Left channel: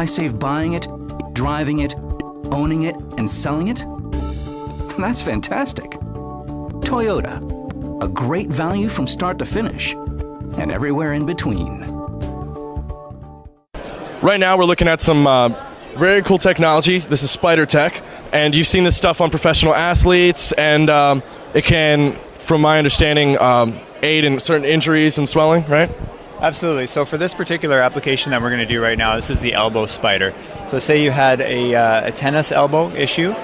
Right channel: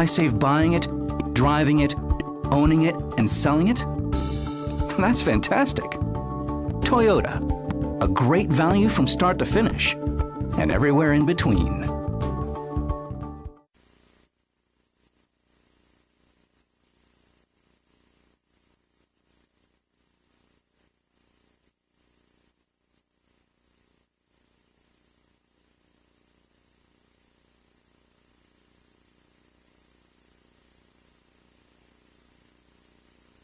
I save buying it, driving it, owning it, and selling it? That's fantastic. Toyota, a great value from start to finish, and everywhere in between. Right now we're looking at some very cool technology. This is spider tech, and you've seen this stuff on professional athletes, and it can, from my understanding, aid in certain injuries and swelling, right? Absolutely. So for this particular application that we're going to do right now, this is the elbow spider. So say you had a tennis elbow issue.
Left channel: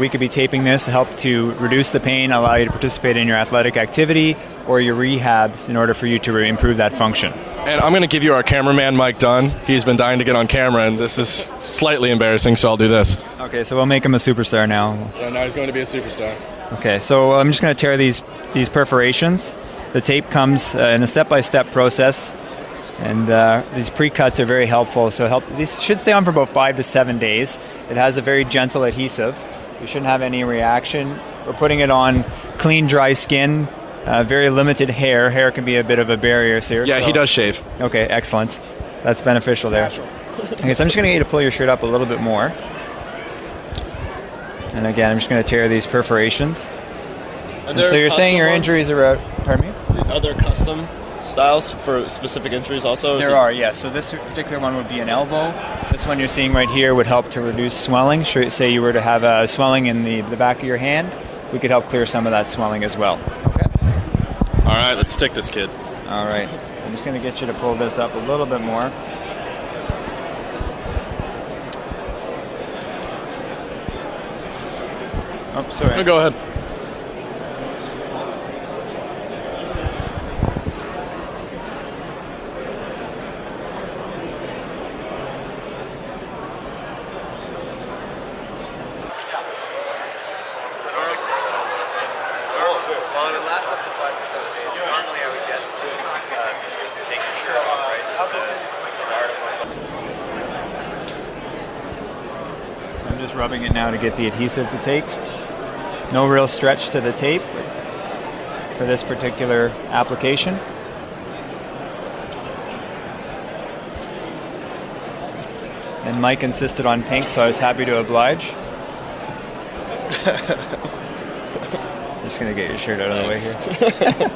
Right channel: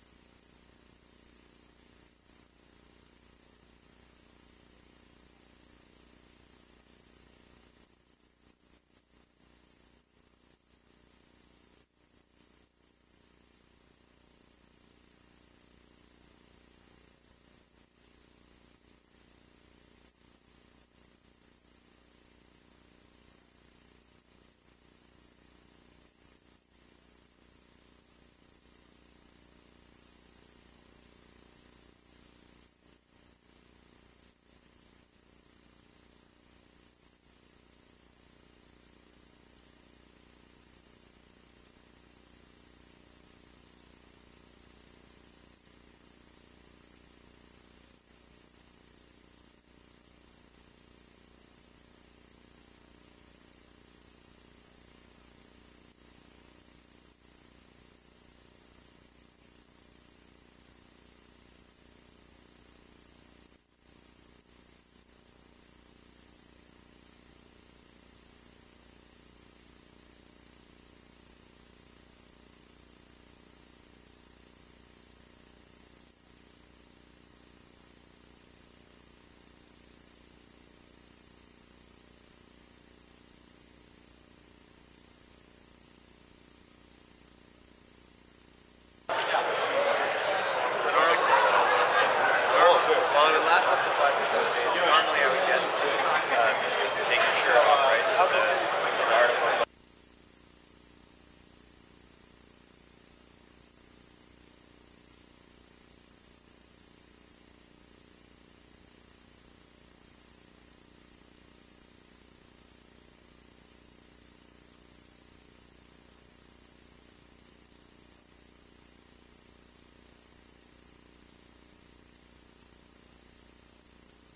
We could be taping this to help to reduce the pain, allow you to participate in your athletic activity or your rehabs in order for you to improve that function. And I'm going to give you our cameraman, Mike Dunn. He's been dying to get on camera, and this is slightly embarrassing, so I'll do this. Okay, so we'll make him a superstar now. Yeah, now he's going to be a superstar. Okay, so I'm just going to tear these perforations. The tape comes in a step-by-step process, and these pre-cuts are very helpful. So these should stay on for about 5 to 7 days. It has a very gentle adhesive. You shouldn't have any reaction. We're putting it on clean, dry skin. Very limited hair. Hair can be a bit of a barrier here. Yeah, so. He does shave. Okay, excellent. That's beneficial there. Okay, so I'm just going to get you to pull your shirt up a little bit more. And again, I'm just going to tear these perforations. And so you're saying your injuries are out. Pardon me? Are there custom styles for specific injuries also? There are, yes. So this particular one would be an elbow. This one you're seeing right here would help to reduce swelling. Say you were to have a swelling in the back of your hand, we could help clear some of that swelling as well. Okay. All right, let's stick this kid. All right. So I'm just going to get you to pull this up a little bit more. Oh, sorry. Go ahead. Well, it would last up to 5 to 7 days. So normally I would get just to take your shirt off, right? So I'm just rubbing it now to get the adhesive to take. No real stretch to the tape for this particular application. And Mike insisted on pink, so I was happy to oblige. Just gonna get your shirt out of the way here.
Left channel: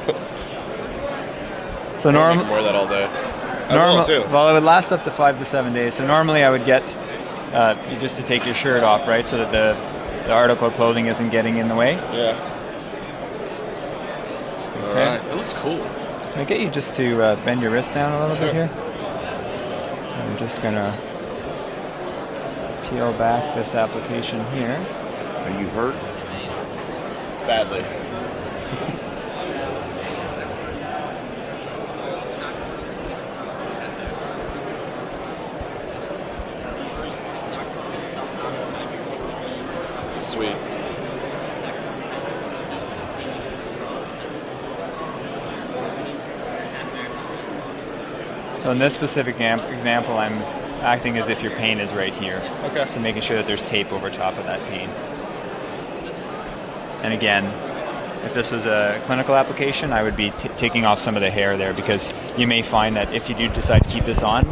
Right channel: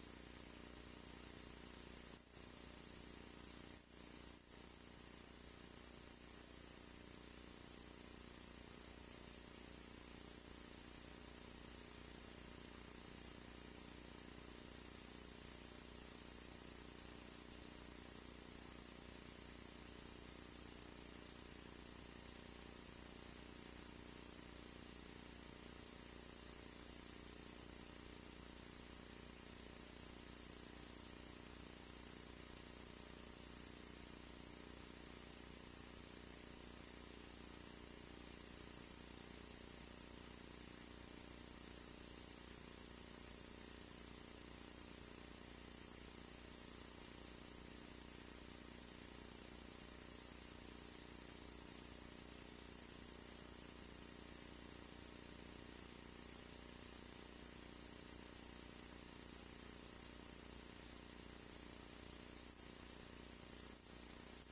So normally, wear that all day. Well, it would last up to 5 to 7 days. So normally I would get you just to take your shirt off, right, so that the article of clothing isn't getting in the way. Yeah. Okay. All right. It looks cool. Can I get you just to bend your wrist down a little bit here? I'm just gonna peel back this application here. Are you hurt? Badly. Sweet. So in this specific example, I'm acting as if your pain is right here. Okay. So making sure that there's tape over top of that pain. And again, if this was a clinical application, I would be taking off some of the hair there, because you may find that if you do decide to keep this on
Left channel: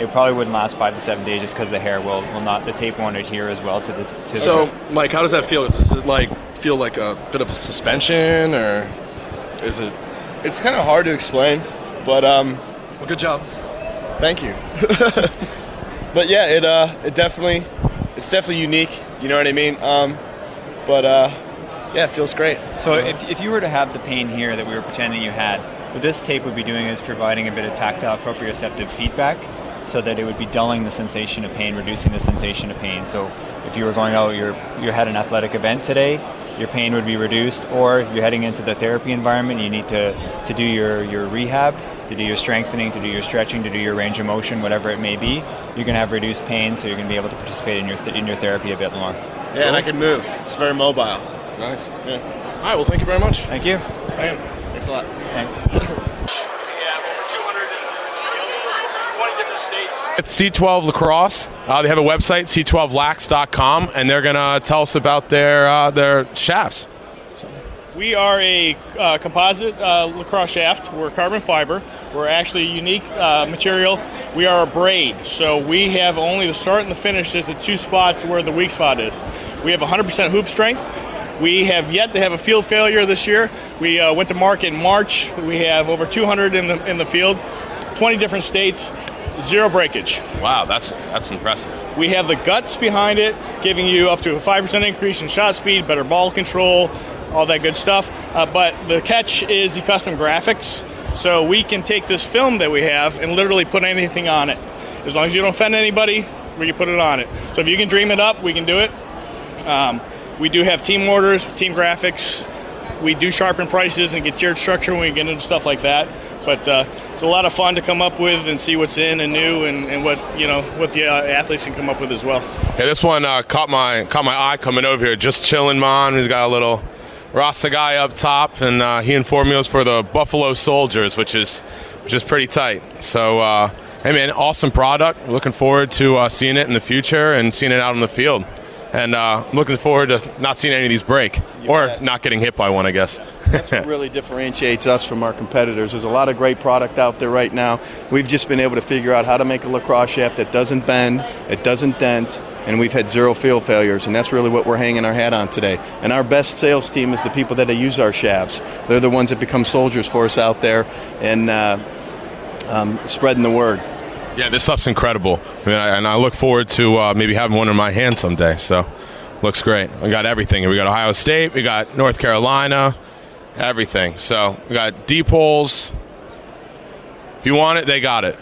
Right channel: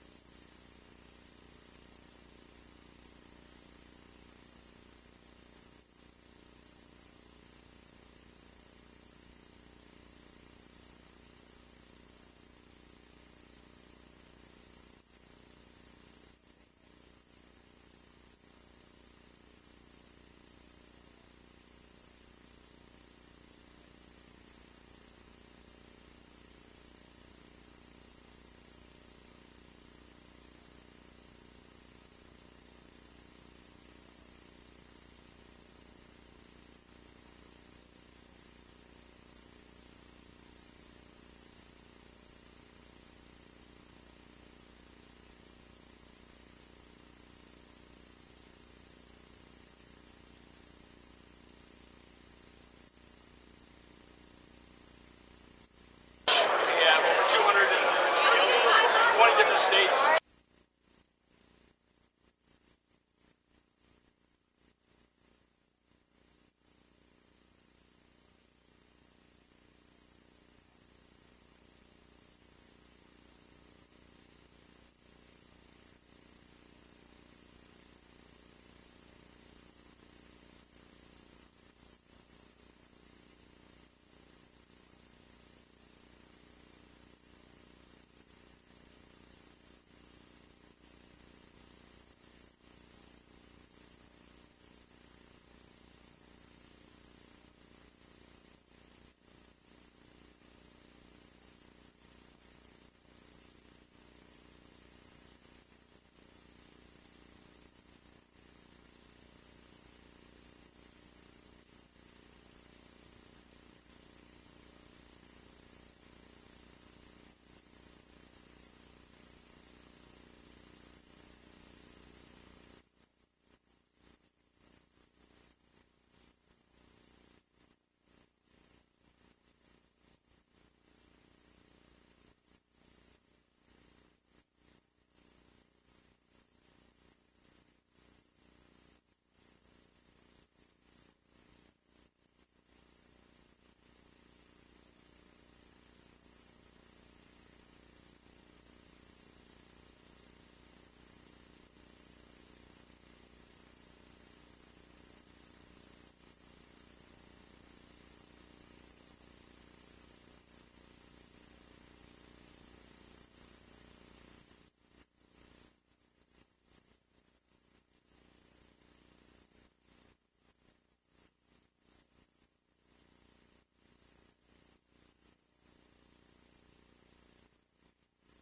it probably wouldn't last 5 to 7 days, just because the hair will not, the tape won't adhere as well to the. So, Mike, how does that feel? Does it feel like a bit of a suspension, or is it? It's kind of hard to explain, but Well, good job. thank you. But yeah, it's definitely unique. You know what I mean? Yeah, it feels great. So if you were to have the pain here that we were pretending you had, what this tape would be doing is providing a bit of tactile proprioceptive feedback, so that it would be dulling the sensation of pain, reducing the sensation of pain. So if you were going, you had an athletic event today, your pain would be reduced, or you're heading into the therapy environment, you need to do your rehab, to do your strengthening, to do your stretching, to do your range of motion, whatever it may be, you're going to have reduced pain, so you're going to be able to participate in your therapy a bit more. Yeah, cool. And I can move. It's very mobile. Nice. Yeah. All right, well, thank you very much. Thank you. Thanks a lot. Thanks. It's C12 Lacrosse. They have a website, c12lax.com, and they're going to tell us about their shafts. So. We are a composite lacrosse shaft. We're carbon fiber. We're actually a unique material. We are a braid, so we have only the start and the finish is the two spots where the weak spot is. We have 100% hoop strength. We have yet to have a field failure this year. We went to market in March. We have over 200 in the field, 20 different states, zero breakage. Wow, that's impressive. We have the guts behind it, giving you up to a 5% increase in shot speed, better ball control, all that good stuff. But the catch is the custom graphics. So we can take this film that we have and literally put anything on it. As long as you don't offend anybody, we can put it on it. So if you can dream it up, we can do it. We do have team orders, team graphics. We do sharpen prices and get tiered structure when we get into stuff like that. But it's a lot of fun to come up with and see what's in and new and what the athletes can come up with as well. Yeah, this one caught my eye coming over here, just chilling, man. He's got a little Rasta guy up top, and he informed me it was for the Buffalo Soldiers, which is pretty tight. So, hey man, awesome product. Looking forward to seeing it in the future and seeing it out on the field. And looking forward to not seeing any of these break or not getting hit by one, I guess. That's what really differentiates us from our competitors. There's a lot of great product out there right now. We've just been able to figure out how to make a lacrosse shaft that doesn't bend, it doesn't dent, and we've had zero field failures, and that's really what we're hanging our hat on today. And our best sales team is the people that use our shafts. They're the ones that become soldiers for us out there and spreading the word. Yeah, this stuff's incredible. And I look forward to maybe having one in my hand someday. So, looks great. We got everything. We got Ohio State. We got North Carolina. Everything. So, we got deep holes. If you want it, they got it.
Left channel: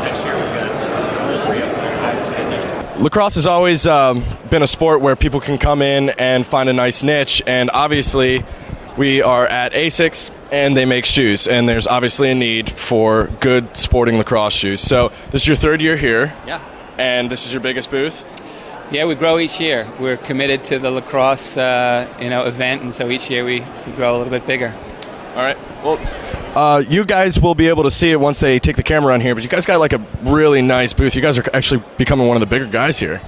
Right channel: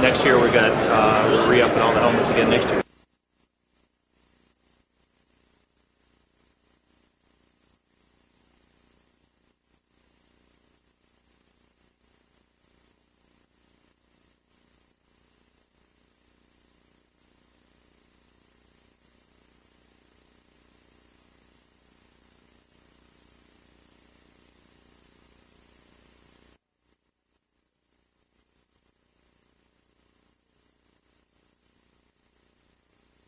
Next year, we're going to re-up next year. Lacrosse has always been a sport where people can come in and find a nice niche, and obviously we are at Asics, and they make shoes, and there's obviously a need for good sporting lacrosse shoes. So this is your third year here, and this is your biggest booth? Yeah, we grow each year. We're committed to the lacrosse event, and so each year we grow a little bit bigger. All right. Well, you guys will be able to see it once they take the camera on here, but you guys got like a really nice booth. You guys are actually becoming one of the bigger guys here.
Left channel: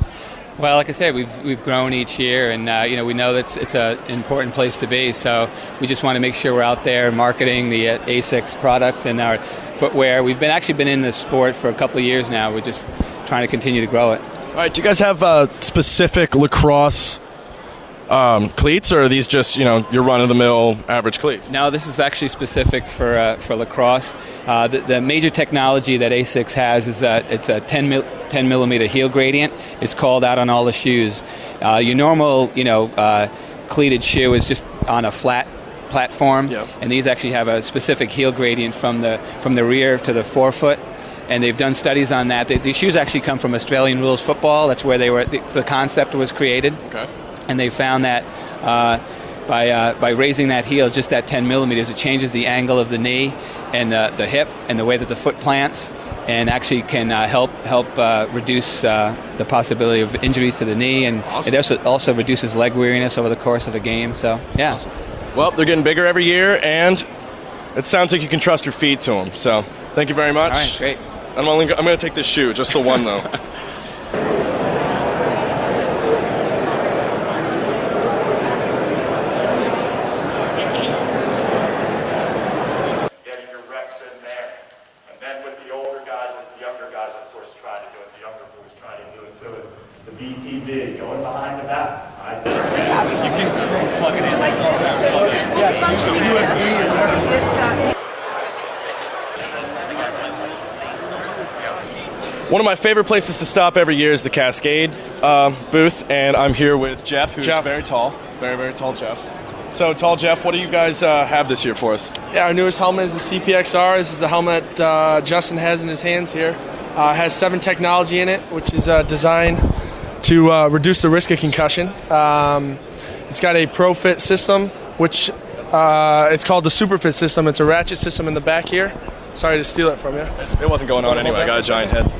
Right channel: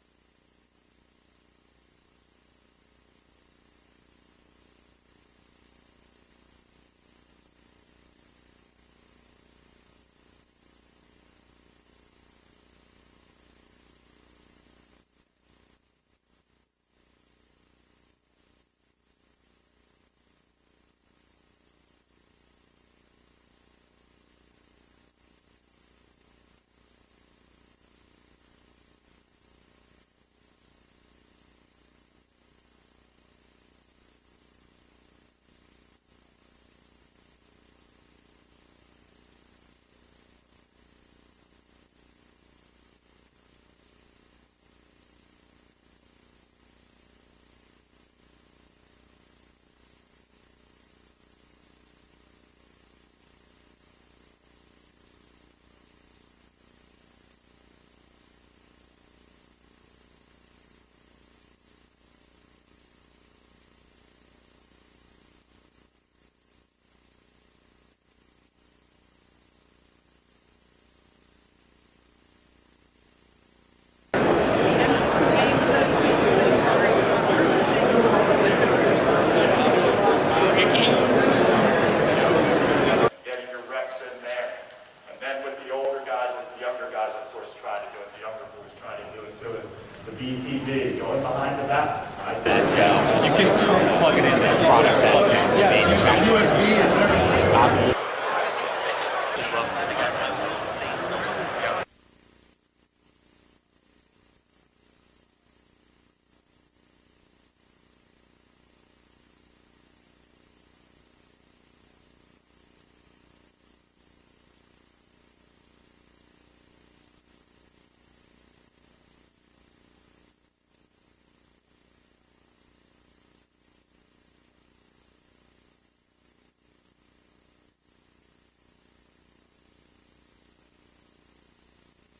Well, like I said, we've grown each year, and we know that it's an important place to be. So we just want to make sure we're out there marketing the Asics products and our footwear. We've been in this sport for a couple of years now. We're just trying to continue to grow it. All right. Do you guys have specific lacrosse cleats, or are these just your run-of-the-mill average cleats? No, this is actually specific for lacrosse. The major technology that Asics has is it's a 10 millimeter heel gradient. It's called out on all the shoes. Your normal cleated shoe is just on a flat platform, and these actually have a specific heel gradient from the rear to the forefoot. And they've done studies on that. These shoes actually come from Australian rules football. That's where the concept was created. Okay. And they found that by raising that heel just that 10 millimeters, it changes the angle of the knee and the hip and the way that the foot plants, and actually can help reduce the possibility of injuries to the knee, and awesome. It also reduces leg weariness over the course of a game. So, yeah. Awesome. Well, they're getting bigger every year, and it sounds like you can trust your feet to them. So, thank you very much. All right, great. I'm going to take this shoe, just the one, though. Getting your reps in there. And then with the older guys and the younger guys, of course, trying to do it. The younger boys trying to do it, too. It's the BTB, going behind the back. Right? You can plug it in. Plug it in. USB and everything. One of my favorite places to stop every year is the Cascade booth, and I'm here with Jeff, who's very tall. Very, very tall Jeff. So, tall Jeff, what do you guys have this year for us? Yeah, our newest helmet is the CPXR. This is the helmet Justin has in his hands here. It has 7 technology in it, which is designed to reduce the risk of concussion. It's got a ProFit system, which it's called the SuperFit system. It's a ratchet system in the back here. Sorry to steal it from you. It wasn't going on anyway. I got a giant head.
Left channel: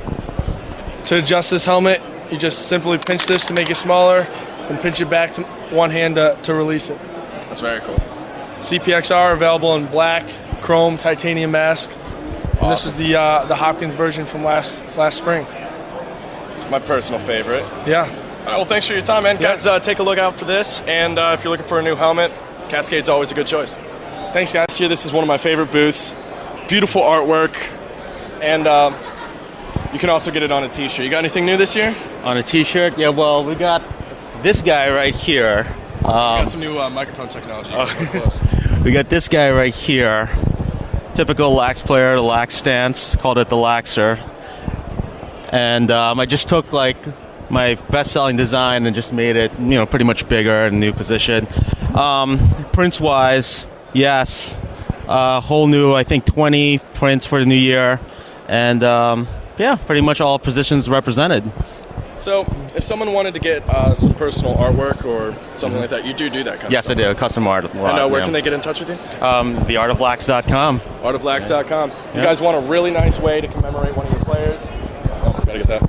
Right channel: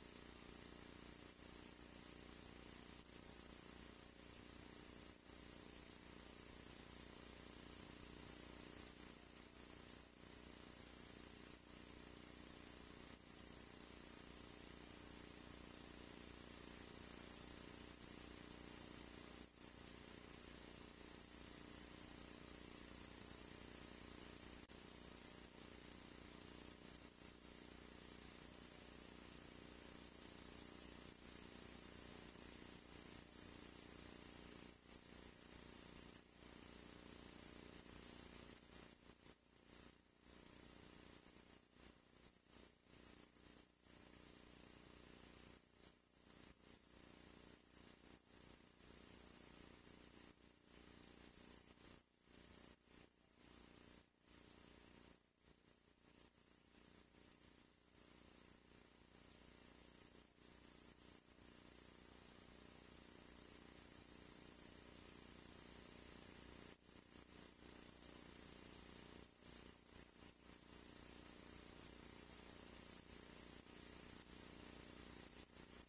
To adjust this helmet, you just simply pinch this to make it smaller and pinch it back to one hand to release it. That's very cool. CPXR available in black, chrome, titanium mask. Awesome. And this is the Hopkins version from last spring. It's my personal favorite. Yeah. All right, well, thanks for your time, man. Guys, take a look out for this, and if you're looking for a new helmet, Cascade's always a good choice. Thanks, guys. Here, this is one of my favorite booths. Beautiful artwork, and you can also get it on a T-shirt. You got anything new this year? On a T-shirt? Yeah, well, we got this guy right here. We got some new microphone technology. Close. We got this guy right here. Typical lax player, the lax stance. Called it the laxer. And I just took like my best-selling design and just made it, pretty much bigger in a new position. Prints-wise, yes, whole new, I think 20 prints for the new year, and pretty much all positions represented. So, if someone wanted to get some personal artwork or something like that, you do that kind of Yes, stuff? I do. Custom art. And where can they get in touch with you? Theartoflax.com. Artoflax.com. You guys want a really nice way to commemorate one of your players? Oh, gotta get that.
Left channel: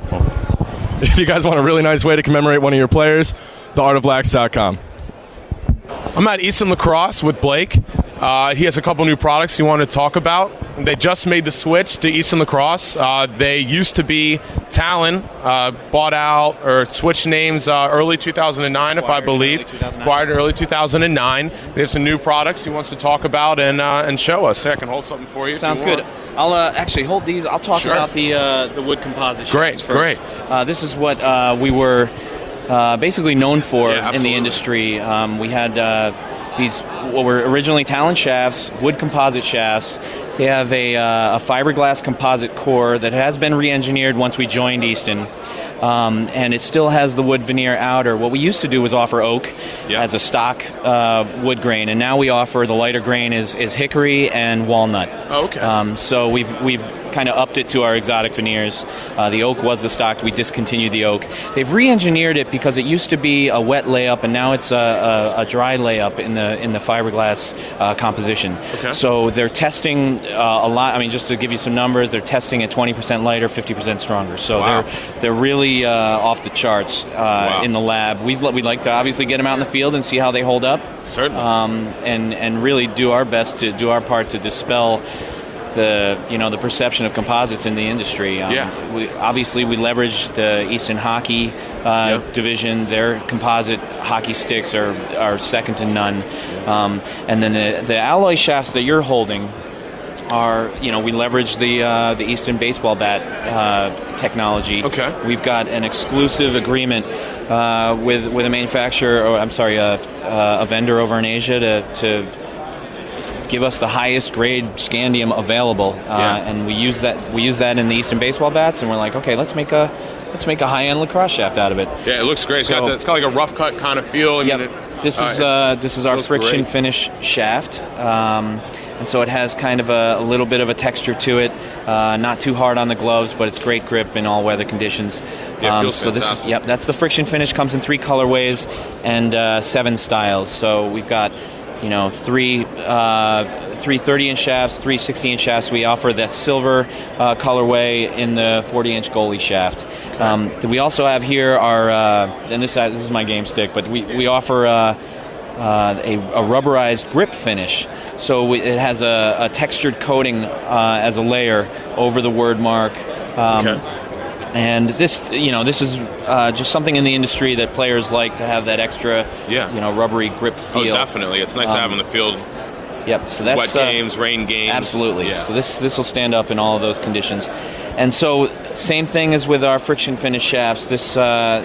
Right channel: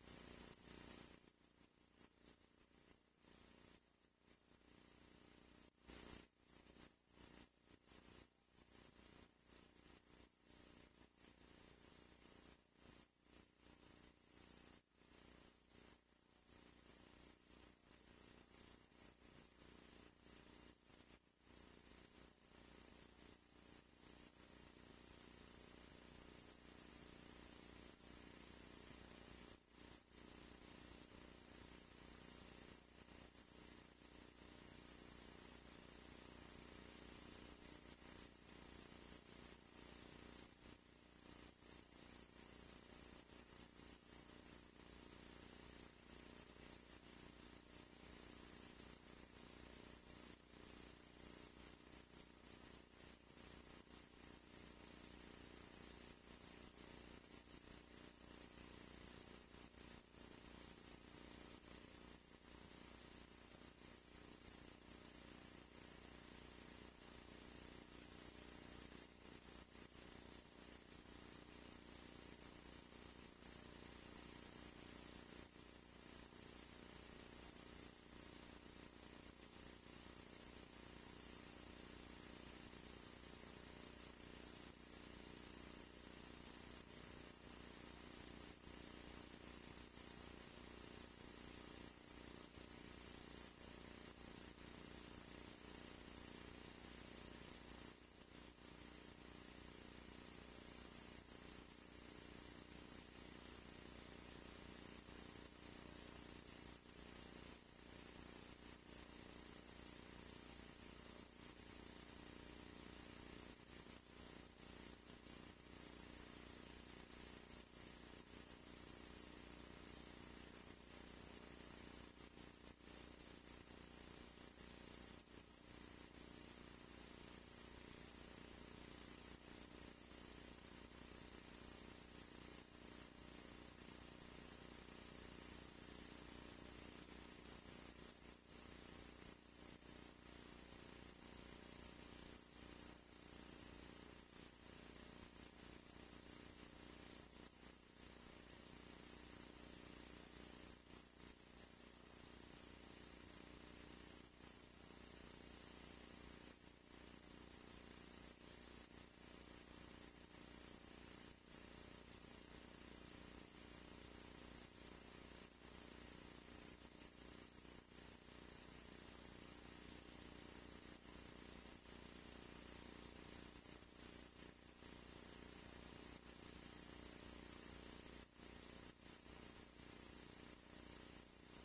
If you guys want a really nice way to commemorate one of your players, theartoflax.com. I'm at Easton Lacrosse with Blake. He has a couple new products he wanted to talk about. They just made the switch to Easton Lacrosse. They used to be Talon, bought out or switched names early 2009, if I believe. Acquired early 2009. They have some new products he wants to talk about and show us. I can hold something for you. Sounds good. I'll actually hold these. I'll talk about the wood composite shafts first. Great. This is what we were basically known for in the industry. We had these what were originally Talon shafts, wood composite shafts. They have a fiberglass composite core that has been re-engineered once we joined Easton. And it still has the wood veneer outer. What we used to do was offer oak as a stock wood grain, and now we offer the lighter grain is hickory and walnut. Oh, okay. So we've kind of upped it to our exotic veneers. The oak was the stock. We discontinued the oak. They've re-engineered it because it used to be a wet layup, and now it's a dry layup in the fiberglass composition. Okay. So they're testing a lot. I mean, just to give you some numbers, they're testing at 20% lighter, 50% stronger. So they're really off the charts in the lab. We'd like to obviously get them out in the field and see how they hold up. Certainly. And really do our best to do our part to dispel the perception of composites in the industry. We leverage the Easton hockey division. Their composite hockey sticks are second to none. And then the alloy shafts that you're holding are, we leverage the Easton baseball bat technology. Okay. We've got an exclusive agreement with a manufacturer, a vendor over in Asia to give us the highest grade scandium available, and we use that in the Easton baseball bats, and we're like, okay, let's make a high-end lacrosse shaft out of it. Yeah, it looks great. It's got like a rough cut kind of feel. This is our friction finish shaft, and so it has kind of a little bit of a texture to it, not too hard on the gloves, but it's great grip in all weather conditions. So fantastic. that's the friction finish. Comes in 3 colorways and 7 styles. So we've got three 30-inch shafts, 3 60-inch shafts. We offer the silver colorway in the 40-inch goalie shaft. We also have here our, and this is my game stick, but we offer a rubberized grip finish. So it has a textured coating as a layer over the word mark. And this is just something in the industry that players like to have that extra, rubbery grip feel. Oh, definitely. It's nice to have in the field. Yep. So that's wet games, rain games. Absolutely. Yeah. So this will stand up in all of those conditions. And so same thing as with our friction finish shafts. This the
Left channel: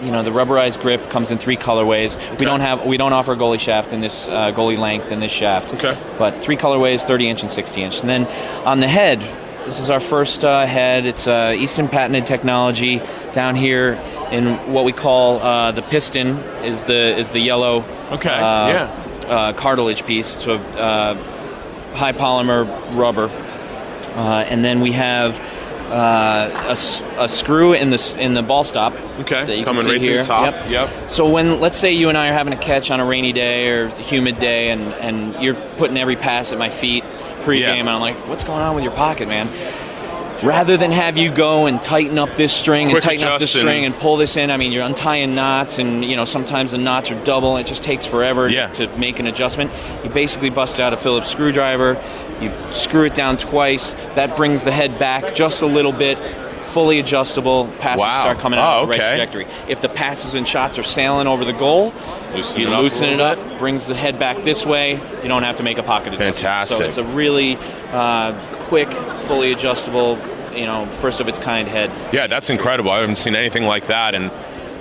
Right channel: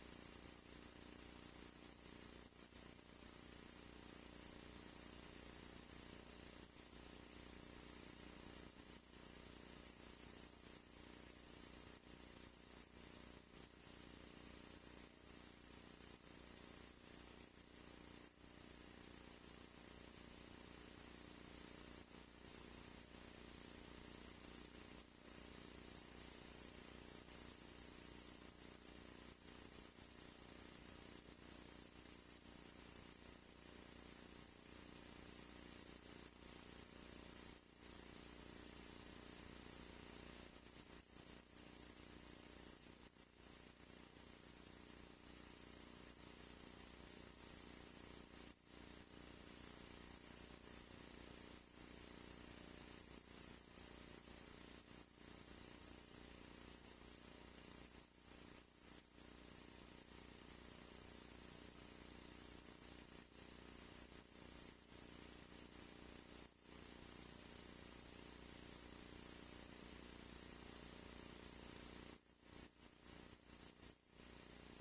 rubberized grip comes in 3 colorways. Okay. We don't offer a goalie shaft in this goalie length in this shaft. Okay. But 3 colorways, 30-inch and 60-inch. And then on the head, this is our first head. It's Easton patented technology. Down here in what we call the piston is the yellow cartilage piece. So high polymer rubber, and then we have a screw in the ball stop. Okay, that you coming can see right here. through the top. Yep. So when, let's say you and I are having a catch on a rainy day or a humid day, and you're putting every pass at my feet pre-game, and I'm like, what's going on with your pocket, man? Rather than have you go and tighten up this string and tighten up this string and pull this in, I mean, you're untying knots, and sometimes the knots are double, and it just takes forever to make an adjustment. You basically bust out a Phillips screwdriver, you screw it down twice, that brings the head back just a little bit, fully adjustable. Passes start coming out of the right trajectory. If the passes and shots are sailing over the goal, you loosen it up, brings the head back this way. You don't have to make a pocket adjustment. Fantastic. So it's a really quick, fully adjustable, first of its kind head. Yeah, that's incredible. I haven't seen anything like that, and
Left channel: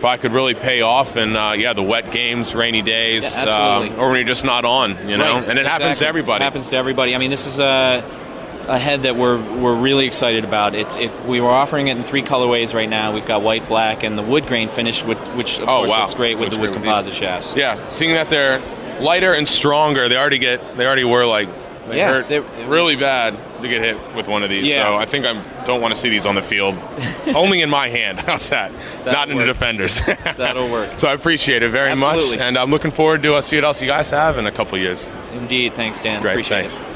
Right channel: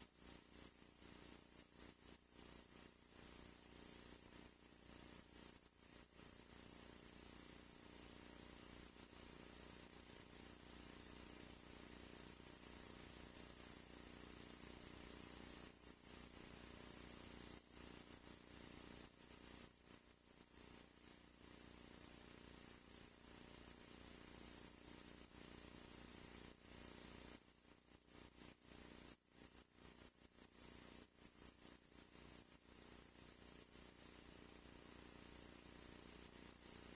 probably could really pay off in the wet games, rainy days, or when you're just not on, you know. Right. And it happens to everybody. It happens to everybody. I mean, this is a head that we're really excited about. We were offering it in 3 colorways right now. We've got white, black, and the wood grain finish, which of course looks great with the wood composite shafts. Yeah, seeing that they're lighter and stronger, they already were like hurt really bad to get hit with one of these. Yeah. So I think I don't want to see these on the field. Only in my hand. How's that? Not in the defenders. That'll work. So I appreciate it very much, and I'm looking forward to see what else you guys have in a couple years. Indeed. Thanks, Dan. Great. Appreciate Thanks. it.